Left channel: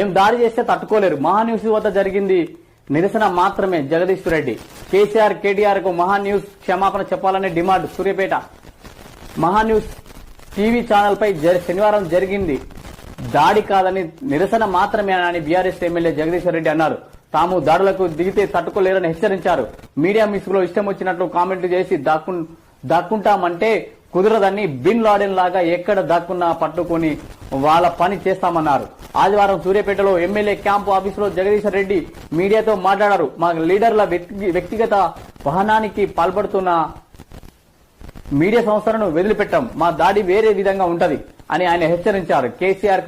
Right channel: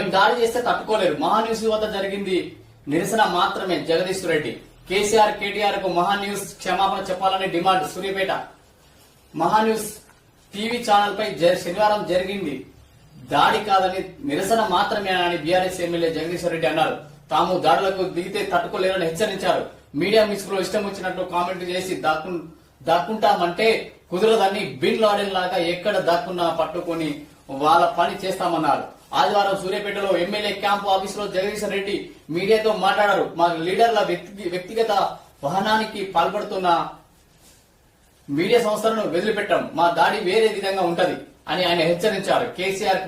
మేము దాడి చేస్తే తట్టుకోలేదు. మహాన్యూస్ వద్ద జరిగింది నిరసన మాత్రమే. జగదీష్ రెడ్డి కేసీఆర్ కేటీఆర్ కు మహాన్యూస్ క్షమాపణ చెప్పాలని demand. Suryapet Maha News TV channel పై శనివారం జరిగింది దాడి కాదని నిరసన మాత్రమేనని బీఆర్ఎస్ ఎమ్మెల్యే జగదీశ్వర్ రెడ్డి అన్నారు. తాము దాడులకు దిగితే తట్టుకోలేరని హెచ్చరించారు. మీడియా మిక్స్ లో ఇష్టం వచ్చినట్లు కామెంట్లు చేసి దాక్కుంటామంటే కుదరదని బిన్ లాడెన్ లాగా ఎక్కడ దాక్కున్నా పట్టుకొని వాళ్ళ పని చేస్తామన్నారు. ఆదివారం సూర్యాపేటలో ఎమ్మెల్యే క్యాంపు ఆఫీసులో జగదీశ్వర్ రెడ్డి మీడియాతో మాట్లాడారు. మా లీడర్ల వ్యక్తిగత వాహనానికి పాల్పడుతున్న మీడియా సంస్థలను వదిలిపెట్టాం. మా దాడి వేరే విధంగా ఉంటది అని ఆయన హెచ్చరించారు. కేసీఆర్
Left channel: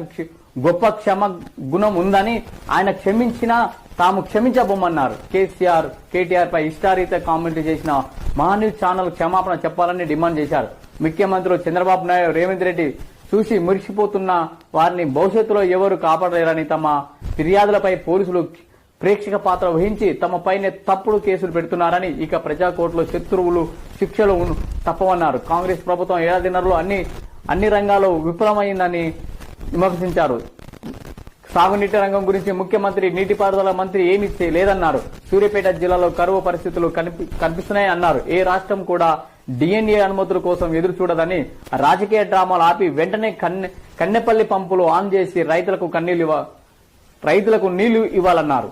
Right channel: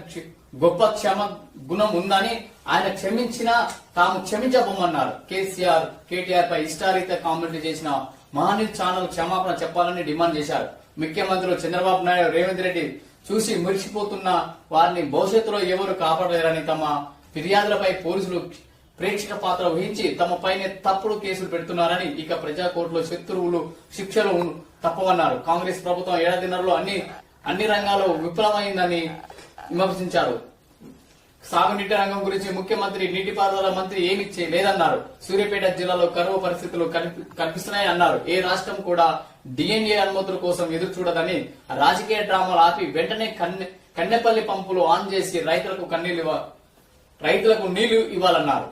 గొప్ప క్షమ గుణం ఉందని ఆయన క్షమించినా తాము క్షమించబోమన్నారు. కేసీఆర్ కేటీఆర్ పై ఇష్టారీత కామెంట్లు చేసిన మహాన్యూస్ ఛానల్ క్షమాపణ చెప్పాలని డిమాండ్ చేశారు. ముఖ్యమంత్రులు చంద్రబాబు నాయుడు రేవంత్ రెడ్డి చూసి మురిసిపోతున్న వారిని భవిష్యత్తులో ఎవరు కాపాడలేరని తమ ఫిర్యాదులపై పోలీసులు ప్రేక్షక పాత్ర వహించి తమపైనే తప్పుడు కేసులు పెడుతున్నారని, ఇక ప్రజా కోర్టులో శత్రువులు శిక్షలు తప్పవన్నారు. కాంగ్రెస్ ప్రభుత్వం ఏడాదిన్నరలో అన్ని రంగాల్లో విఫలమైందని విమర్శించారు. సాగునీటి రంగం గురించి ముఖ్యమంత్రి నీటిపారుదల మంత్రి ఏమీ లేదన్నారు. సూర్యాపేట జిల్లాలో కరువు పరిస్థితులు కనిపిస్తున్నాయన్నారు. ఏ రాష్ట్రం కూడా డిఎన్ఏ అనుమతుల కోసం ఎదురు చూడదని, రాజకీయ డ్రామాలు ఆపి వెంటనే కన్నెపల్లి పంపులు ఆన్ చేసి రైతులకు నీళ్లు ఇవ్వాలన్నారు.